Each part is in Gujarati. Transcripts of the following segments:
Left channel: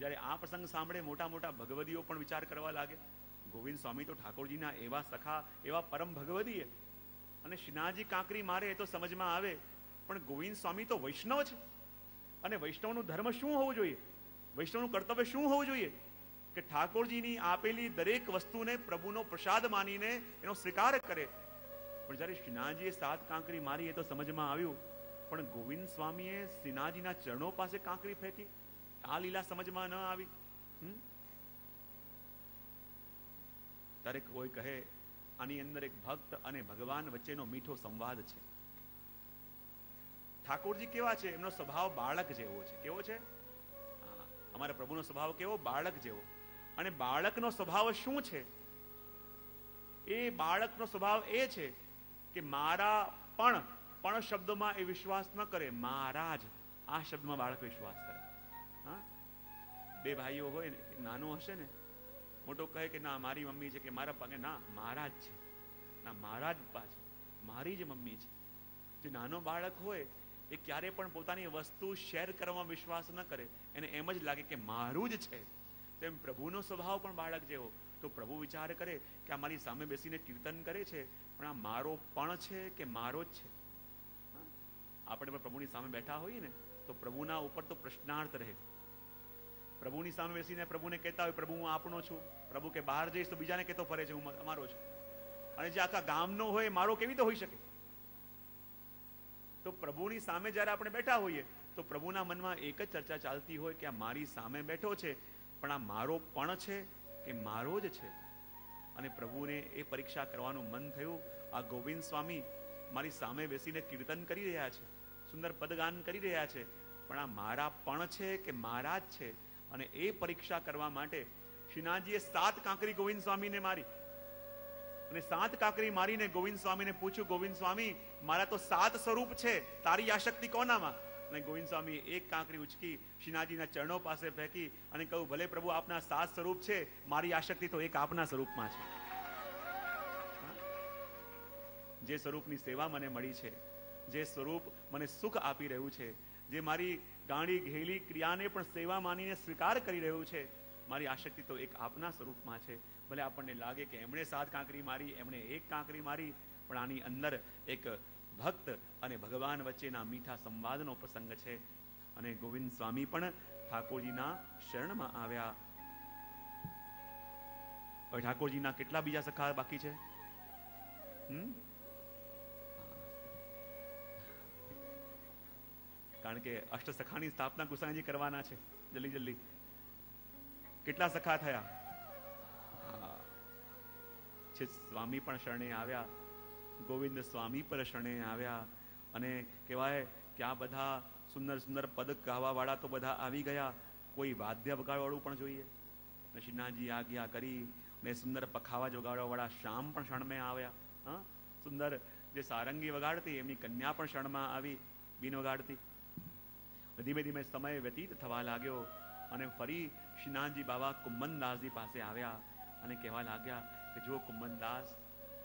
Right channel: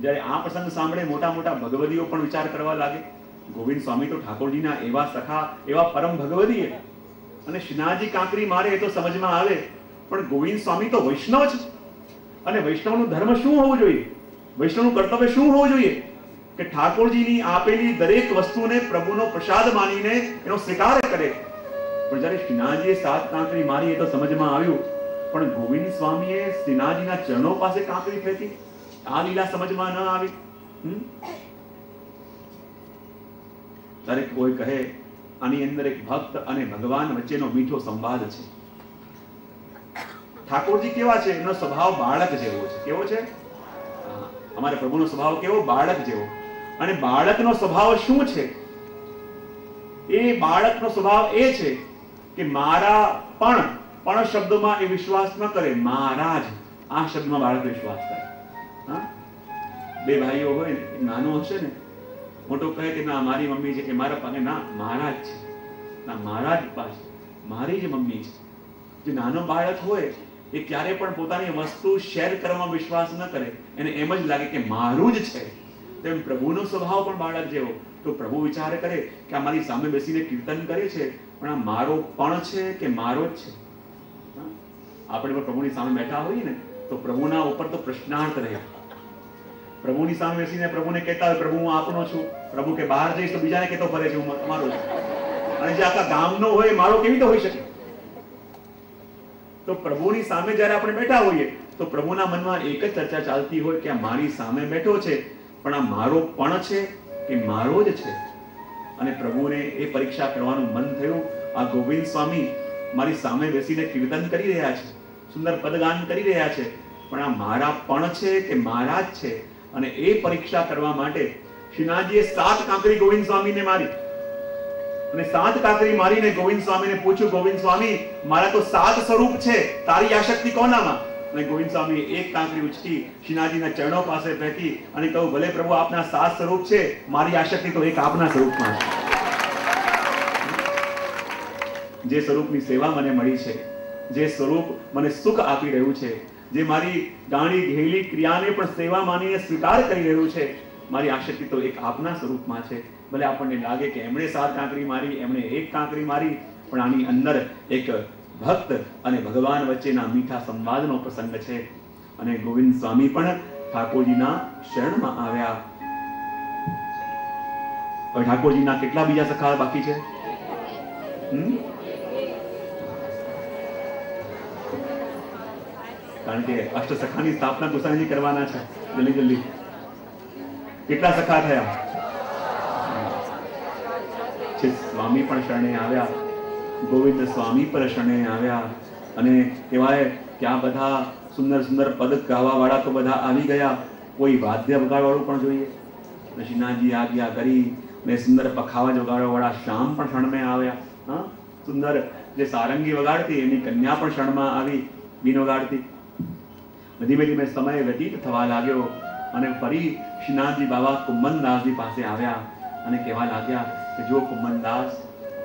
જ્યારે આ પ્રસંગ સાંભળે મોટા મોટા ભગવદીઓ પણ વિચાર કરવા લાગે. ગોવિંદ સ્વામી તો ઠાકોરજીના એવા સખા, એવા પરમ ભગવદી. અને શ્રીનાથજી કાંકરી મારે એ તો સમજમાં આવે, પણ ગોવિંદ સ્વામી તો વૈષ્ણવ છે. અને વૈષ્ણવનો ધર્મ શું હોવું જોઈએ, વૈષ્ણવનું કર્તવ્ય શું હોવું જોઈએ કે ઠાકોરજીની આપેલી દરેક વસ્તુને પ્રભુનો પ્રસાદ માનીને એનો સ્વીકાર કરે. પણ જ્યારે શ્રીનાથજીએ 7 કાંકરી મારી એ તો સમજમાં આવ્યું, પણ ગોવિંદ સ્વામીએ શ્રીનાથજીના ચરણો પાસે કાંકરી ફેંકી, આ લીલા સમજમાં ન આવી. ત્યારે કોઈ કહે આની અંદર એક ભક્ત અને ભગવાન વચ્ચેનો મીઠો સંવાદ છે. ઠાકોરજી કેવા છે? એનો સ્વભાવ બાળક જેવો છે. કેવો છે? અમારા પ્રભુનો સ્વભાવ કેવો? બાળક જેવો. અને બાળકનો સ્વભાવ શું છે? એ બાળકનો સ્વભાવ એ છે કે મારા પણ શબ્દમાં એ વિશ્વાસ ન કરે, મારા જ આ શબ્દમાં બાળક વિશ્વાસ કરે. બે ભાઈઓ હોય ને, નાનો હશે ને, મોટો કહે કે ના મારી મમ્મી છે, કે મારા પાસે, ના મારા જ છે, ના મારા જ પાસે, મારી જ મમ્મી છે. જે નાનો બાળક હોય એ ક્યારે પણ પોતાની વસ્તુ શેર કરવામાં વિશ્વાસ ન કરે, એને એમ જ લાગે કે મારું જ છે. તેમ પ્રભુનો સ્વભાવ પણ બાળક જેવો. તો પ્રભુ વિચાર કરે કે આ મારી સામે બેસીને કીર્તન કરે છે, પણ આ મારો પણ છે કે મારો જ છે? આપણે પણ પ્રભુની સામે બેઠા હોઈએ ને તો પ્રભુના ઉપર તો પ્રશ્નાર્થ રહ્યા. પ્રભુની સામે બેસીને પ્રભુને કહેતા હોય પ્રભુ હું આપનો છું, પ્રભુ કે બહાર જઈશ તો બીજાને કહેતો ફરે છે હું તમારો છું. અને જે આખા ગામનો હોય મારો કેવી રીતે હોઈ શકે? તો પ્રભુની સામે જયારે આપણે બેઠા હોઈએ તો પ્રભુના મનમાં એક જ ચર્ચા ચાલતી હોય કે આ મારી સામે બેઠો છે, પણ આ મારો પણ છે કે મારો જ છે? અને પ્રભુને એ પરીક્ષા કરવાનું મન થયું. આ ગોવિંદ સ્વામી મારી સામે બેસીને કીર્તન કરી રહ્યા છે, સુંદર પદગાન કરી રહ્યા છે, પણ આ મારા પણ છે કે મારા જ છે? અને એ પરીક્ષા કરવા માટે શ્રીનાથજીએ 7 કાંકરી ગોવિંદ સ્વામીને મારી. અને 7 કાંકરી મારીને ગોવિંદ સ્વામીને પૂછ્યું, ગોવિંદ સ્વામી મારા તો 7 સ્વરૂપ છે, તારી આશક્તિ કોનામાં? અને ગોવિંદ સ્વામી એક કાંકરી ઉચકી શ્રીનાથજીના ચરણો પાસે ફેંકી અને કહ્યું, ભલે પ્રભુ આપના 7 સ્વરૂપ છે, મારી આશક્તિ તો એક આપના સ્વરૂપમાં છે. જે સ્વરૂપની સેવા મને મળી છે, જે સ્વરૂપ મને સુખ આપી રહ્યું છે, જે મારી ગાણી ઘેલી ક્રિયાને પણ સેવા માનીને સ્વીકાર કરી રહ્યું છે, મારી આશક્તિ તો એક આપના સ્વરૂપમાં છે. ભલે આપણને લાગે કે એમણે 7 કાંકરી મારી, એમણે એક કાંકરી મારી, પણ આની અંદર એક ભક્ત અને ભગવાન વચ્ચેના મીઠા સંવાદનો પ્રસંગ છે. અને ગોવિંદ સ્વામી પણ ઠાકોરજીના શરણમાં આવ્યા. ઠાકોરજીના કેટલા બીજા સખા બાકી છે? કારણ કે અષ્ટ સખાની સ્થાપના કુસાણીજી કરવાના છે. જલ્દી જલ્દી કેટલા સખા થયા? સ્વામી પણ શરણે આવ્યા, ગોવિંદ સ્વામી પણ શરણે આવ્યા. અને કહેવાય ત્યાં બધા સુંદર સુંદર પદ ગાવા વાળા તો બધા આવી ગયા, કોઈ વાદ્ય વગાડવાળું પણ જોઈએ. શ્રીનાથજી આજ્ઞા કરી ને સુંદર પખાવા વગાડવા વાળા શ્યામ પણ શરણે આવ્યા. સુંદર જે સારંગી વગાડતી એની કન્યા પણ શરણમાં આવી, ગીત વગાડતી. ધીમે ધીમે સમય વ્યતીત થવા લાગ્યો અને ફરી શ્રીનાથજી બાબા કુંભનદાસજી પાસે આવ્યા અને કહેવા લાગ્યા કે જો કુંભનદાસ,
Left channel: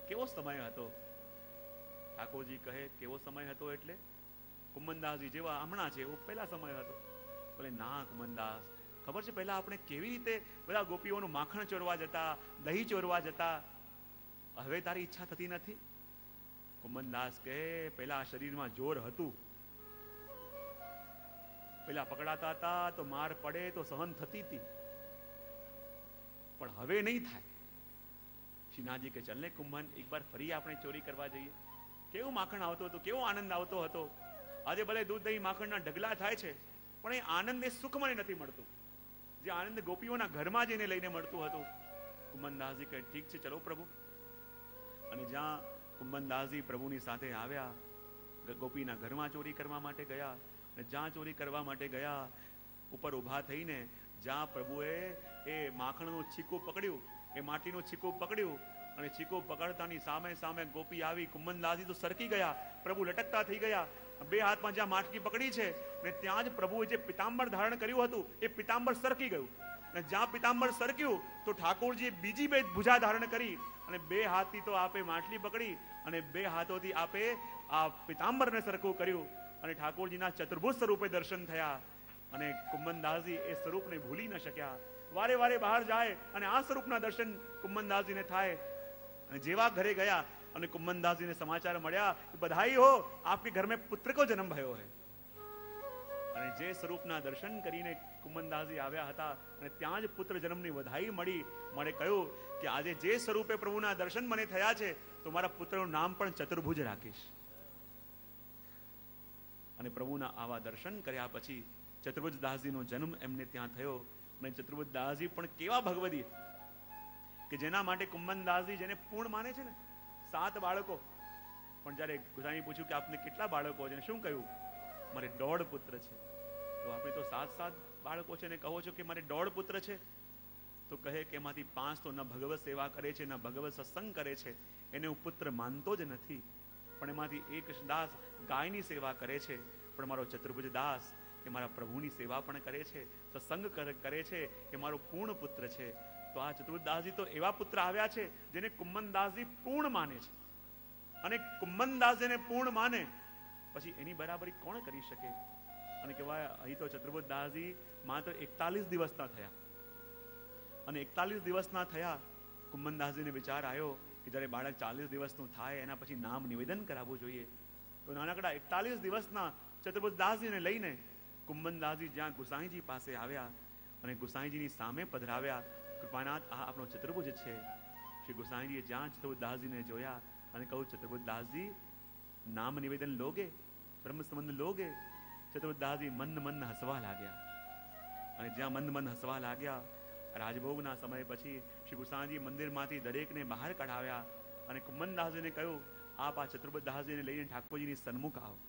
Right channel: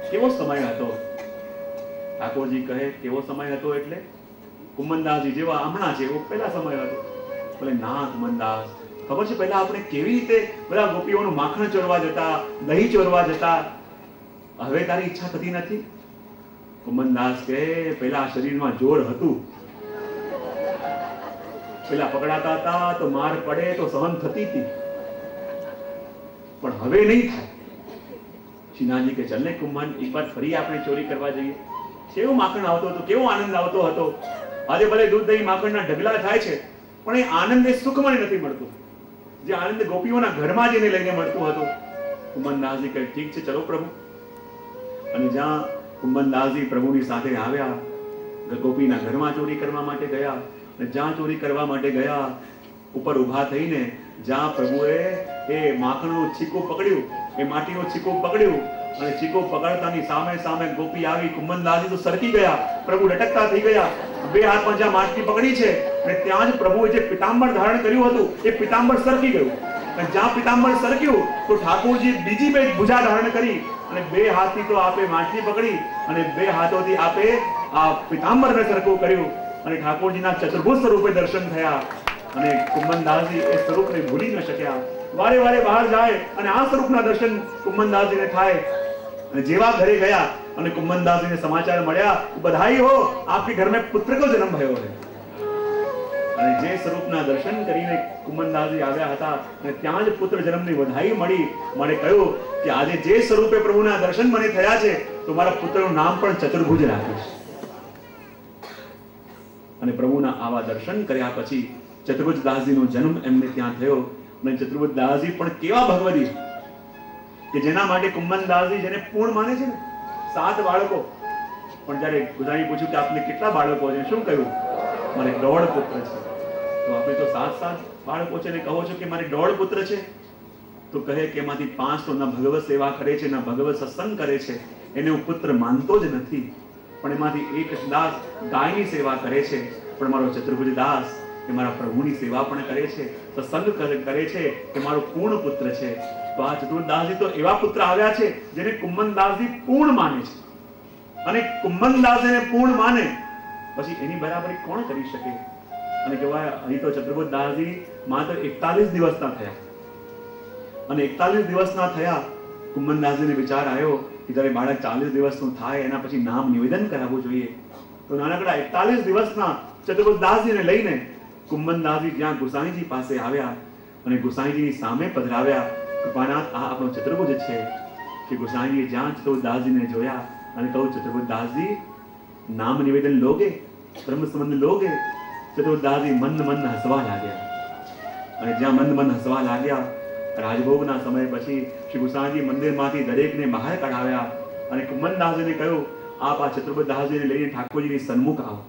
કેવો સમય હતો? ઠાકોરજી કહે કેવો સમય હતો એટલે કુંભનદાસજી જેવા હમણાં છે એવો પહેલા સમય હતો. બોલે ના કુંભનદાસ, ખબર છે પહેલા આપણે કેવી રીતે બધા ગોપીઓનું માખણ ચોરવા જતા, દહીં ચોરવા જતા, હવે તારી ઈચ્છા થતી નથી? કુંભનદાસ કહે પહેલા શરીરમાં જોર હતું, પેલા પકડાતા હતા તો માર પડે તો સહન થતી હતી, પણ હવે નહીં થાય. શ્રીનાથજી કે ચલ ને કુંભન, એક વાર ફરી આપણે ચોરી કરવા જઈએ. કેવું માખણ આવતો હતો, કેવો આનંદ આવતો હતો. આજે ભલે દૂધ દહીં માખણના ઢગલા થાય છે, પણ એ આનંદ એ સુખમાં નથી મળતું જે આનંદ ગોપીઓના ઘરમાં જઈને લઈને મળતું હતું. કુંભનદાસજી કહે ઠીક છે ચલો પ્રભુ. અને જ્યાં કુંભનદાસજી પ્રભુની સાથે આવ્યા, ગોપીના ઘરમાં ચોરી કરવા માટે ગયા. જ્યાં ચોરી કરવા માટે ગયા, ઉપર ઉભા થઈને જ્યાં પ્રભુએ એ માખણનું છીકું પકડ્યું, એ માટીનું છીકું પકડ્યું અને છીકું પકડતાની સામે સામે ગોપી આવી. કુંભનદાસજી તો સરકી ગયા, પ્રભુ લટકતા થઈ ગયા. બે હાથમાં જ્યાં માટી પકડી છે અને ત્યાં જ પ્રભુએ જે પિતાંબર ધારણ કર્યું હતું એ પિતાંબર સરકી ગયું. અને જ્યાં પિતાંબર સરક્યું તો ઠાકોરજી બીજી બે ભુજા ધારણ કરી અને બે હાથથી તો આપે માટી પકડી અને બે હાથોથી આપે આ પિતાંબરને સરખું કર્યું અને ઠાકોરજીના ચતુર્ભુજ સ્વરૂપે દર્શન થયા. અને કુંભનદાસજી એ સ્વરૂપને ભૂલી ન શક્યા. વારે વારે બહાર જાય અને આ સ્વરૂપના દર્શન કુંભનદાસજીને થાય. અને જેવા ઘરે ગયા અને કુંભનદાસજીને સમાચાર મળ્યા, બધાઈ હો, આપકે ઘર મેં પુત્ર કો જન્મ ભયો હૈ. અને જે સ્વરૂપના દર્શન કરીને કુંભનદાસજી આવ્યા હતા અને ત્યાં જ પુત્ર જન્મની વધાઈ મળી. મને કહ્યું કે આજે જે સ્વરૂપે પ્રભુના દર્શન મને થયા છે તો મારા પુત્રનું નામ પણ ચતુર્ભુજ રાખીશ. અને પ્રભુના આવા દર્શન કર્યા પછી ચતુર્ભુજદાસજીનો જન્મ એમને ત્યાં થયો. અને ચતુર્ભુજદાસજી પણ કેવા ભગવદી કે જેના માટે કુંભનદાસજી જેને પૂર્ણ માને છે ને, 7 બાળકો. પણ જયારે બધાએ પૂછ્યું કે આપને કેટલા બાળકો છે, શું કહ્યું? મારે 1.5 પુત્ર છે. તો આપણે તો 7 બાળકો છે ને કહો છો કે મારે 1.5 પુત્ર છે. તો કહે કે એમાંથી 5 તો ના ભગવત સેવા કરે છે, ના ભગવત સત્સંગ કરે છે, એને હું પુત્ર માનતો જ નથી. પણ એમાંથી એક દાસ ગાયની સેવા કરે છે. પણ મારો ચતુર્ભુજ દાસ એ મારા પ્રભુની સેવા પણ કરે છે, સત્સંગ કરે છે, કે મારો પૂર્ણ પુત્ર છે. તો આ ચતુર્દાસજી તો એવા પુત્ર આવ્યા છે જેને કુંભનદાસજી પૂર્ણ માને છે. અને કુંભનદાસજીને પૂર્ણ માને પછી એની બરાબરી કોણ કરી શકે? અને કહેવાય અહીં તો ચતુર્ભુજદાસજી માત્ર 41 દિવસના થયા. અને 41 દિવસના થયા કુંભનદાસજીને વિચાર આવ્યો કે જ્યારે બાળક 40 દિવસનું થાય એના પછી નામ નિવેદન કરાવવું જોઈએ. તો નાનકડા 41 દિવસના ચતુર્ભુજદાસજીને લઈને કુંભનદાસજી જ્યાં ગુસાઈજી પાસે આવ્યા અને ગુસાઈજીની સામે પધરાવ્યા. કૃપાનાથ, આ આપણો ચતુર્ભુજ છે. કે ગુસાઈજીએ જ્યાં ચતુર્ભુજદાસજીને જોયા અને કહ્યું, ચતુર્ભુજદાસજી નામ નિવેદન લોગે, બ્રહ્મ સંબંધ લોગે? ચતુર્ભુજદાસજી મન હસવા લાગ્યા. અને જ્યાં મન હસવા લાગ્યા, રાજભોગના સમય પછી શ્રી ગુસાઈજી મંદિરમાંથી દરેકને બહાર કઢાવ્યા અને કુંભનદાસજીને કહ્યું, આપ આ ચતુર્ભુજદાસજીને લઈને ઠાકોરજીની સન્મુખ આવો.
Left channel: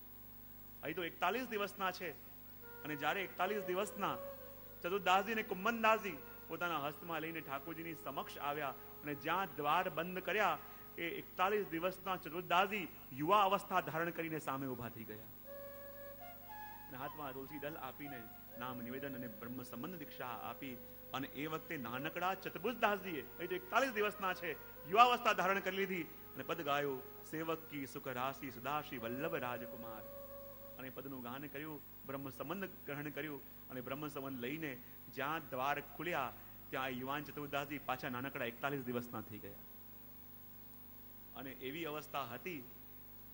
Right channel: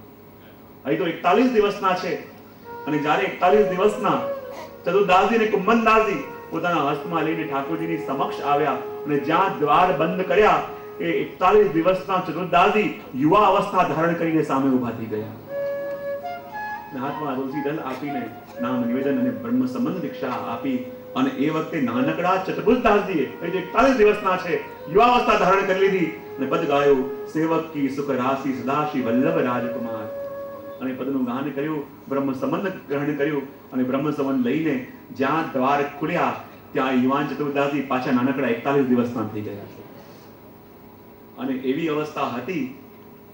અહીં તો 41 દિવસના છે. અને જ્યારે 41 દિવસના ચતુર્દાસજી અને કુંભનદાસજી પોતાના હસ્તમાં લઈને ઠાકોરજીની સમક્ષ આવ્યા અને જ્યાં દ્વાર બંધ કર્યા, એ 41 દિવસના ચતુર્દાસજી યુવા અવસ્થા ધારણ કરીને સામે ઉભા થઈ ગયા. હાથમાં તુલસી દળ આપીને નામ નિવેદન અને બ્રહ્મ સંબંધ દીક્ષા આપી. અને એ વખતે નાનકડા ચતુર્ભુજદાસજીએ, એ જે 41 દિવસના છે, યુવા અવસ્થા ધારણ કરી લીધી અને પદ ગાયું, સેવક કી સુખ રાશિ સદાશિવ વલ્લભ રાજકુમાર. અને પદનું ગાન કર્યું, બ્રહ્મ સંબંધ ગ્રહણ કર્યું. અને બ્રહ્મ સંબંધ લઈને જ્યાં દ્વાર ખુલ્યા ત્યાં યુવાન ચતુર્દાસજી પાછા નાનકડા 41 દિવસના થઈ ગયા. અને એવી અવસ્થા હતી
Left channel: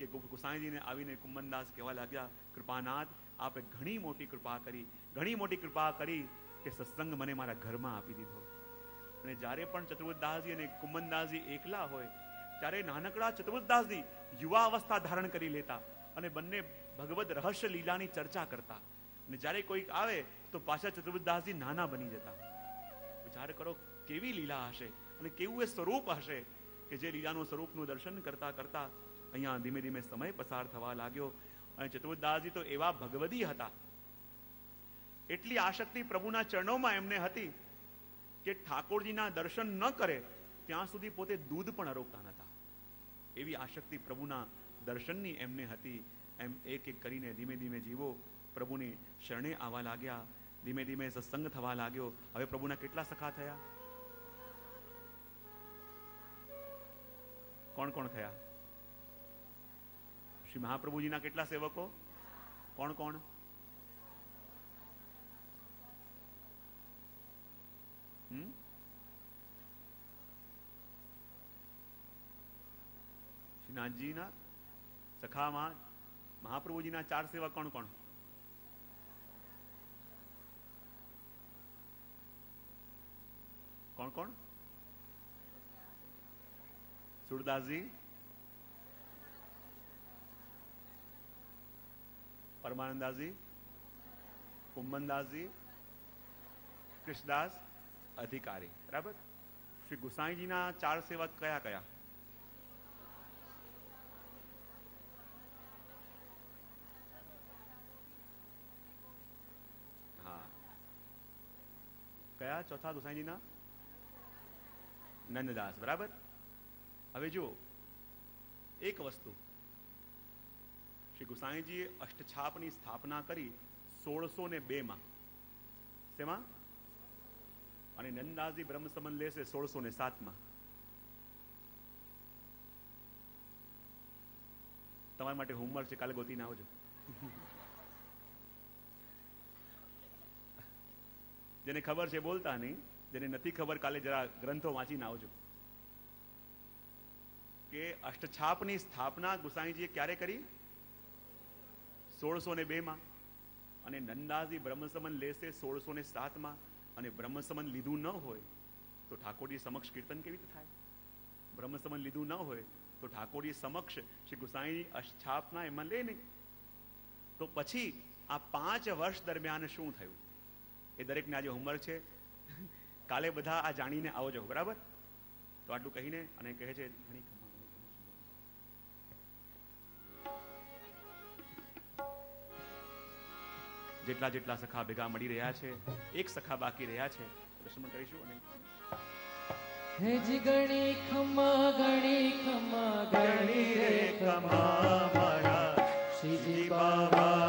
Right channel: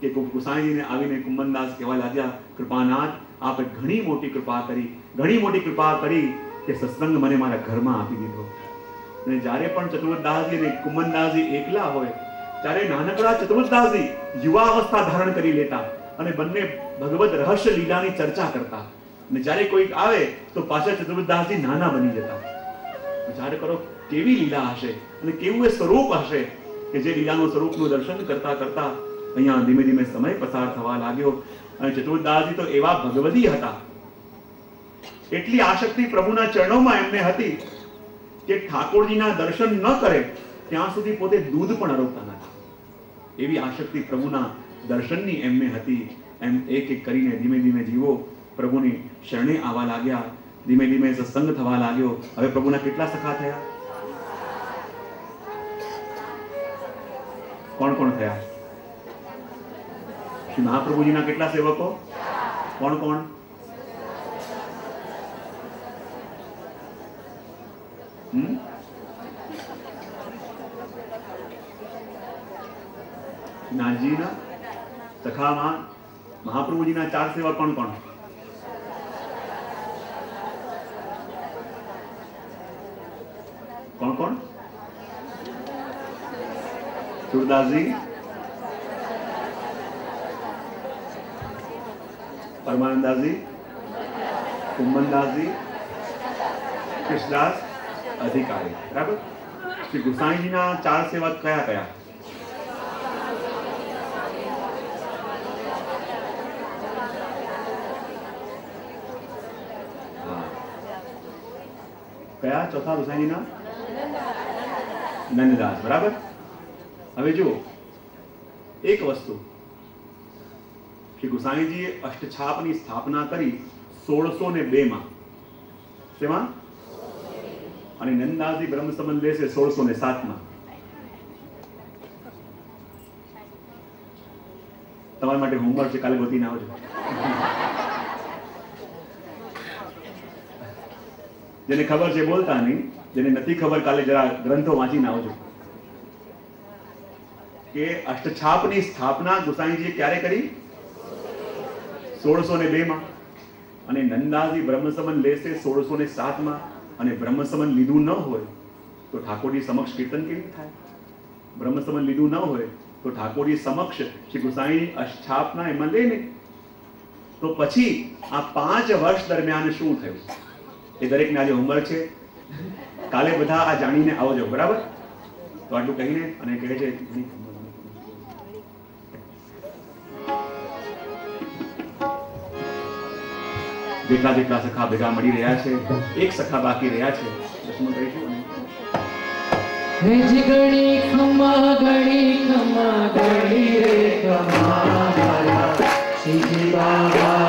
કે ગુસાઈજીને આવીને કુંભનદાસ કહેવા લાગ્યા, કૃપાનાથ, આપે ઘણી મોટી કૃપા કરી, ઘણી મોટી કૃપા કરી કે સત્સંગ મને મારા ઘરમાં આપી દીધો. અને જ્યારે પણ ચતુર્દાસજી અને કુંભનદાસજી એકલા હોય ત્યારે નાનકડા ચતુર્દાસજી યુવા અવસ્થા ધારણ કરી લેતા અને બંને ભગવત રહસ્ય લીલાની ચર્ચા કરતા. અને જ્યારે કોઈક આવે તો પાછા ચતુર્દાસજી નાના બની જતા. વિચાર કરો કેવી લીલા હશે અને કેવું એ સ્વરૂપ હશે કે જે લીલાનું સ્વરૂપનું દર્શન કરતા કરતા અહીંયા ધીમે ધીમે સમય પસાર થવા લાગ્યો. અને ચતુર્દાસજી તો એવા ભગવદી હતા, એટલી આસક્તિ પ્રભુના ચરણોમાં એમને હતી કે ઠાકોરજીના દર્શન ન કરે ત્યાં સુધી પોતે દૂધ પણ અરોગતા નતા. એવી આસક્તિ પ્રભુના દર્શનની એમને હતી. એમ એક એક કરીને ધીમે ધીમે જીવો પ્રભુની શરણે આવવા લાગ્યા. ધીમે ધીમે સત્સંગ થવા લાગ્યો. હવે પ્રભુના કેટલા સખા થયા? કોણ કોણ થયા? શ્રી મહાપ્રભુજીના કેટલા સેવકો? કોણ કોણ? નાથજીના સખામાં મહાપ્રભુજીના 4 સેવક કોણ કોણ? કોણ કોણ? સુરદાસજી, પરમાનંદાસજી, કુંભનદાસજી, કૃષ્ણદાસ, અધિકારી. બરાબર. શ્રી ગુસાઈજીના 4 સેવક કયા કયા? કયા ચોથા ગુસાઈજીના? નંદદાસ. બરાબર. હવે જુઓ એક વસ્તુ, શ્રી ગુસાઈજીએ અષ્ટછાપની સ્થાપના કરી 1602 માં. તેમાં અને નંદદાસજી બ્રહ્મ સંબંધ લેશે 1607 માં. તમારા માટે હોમવર્ક છે, કાલે ગોતીને આવજો. જેને ખબર છે બોલતા નહીં, જેને નથી ખબર કાલે જરા ગ્રંથો વાંચીને આવજો કે અષ્ટછાપની સ્થાપના ગુસાઈજીએ ક્યારે કરી? 1602 માં. અને નંદાજી બ્રહ્મસમન લેશે 1607 માં. અને બ્રહ્મસમન લીધું ન હોય તો ઠાકોરજી સમક્ષ કીર્તન કેવી રીતે થાય? બ્રહ્મસમન લીધું ન હોય તો ઠાકોરજી સમક્ષ શ્રી ગુસાઈની અષ્ટછાપના એમાં લે ને. તો પછી આ 5 વર્ષ દરમિયાન શું થયું એ દરેકને આજે હોમવર્ક છે. કાલે બધા આ જાણીને આવજો, બરાબર? તો આટલું કહીને અને કહે છે જેટલા જેટલા સખા ભેગા મળી રહ્યા છે, એક સખા બાકી રહ્યા છે, દસમું કહીશું. ગણી ખમા ગણી રે ખમા શ્રીજી બાબા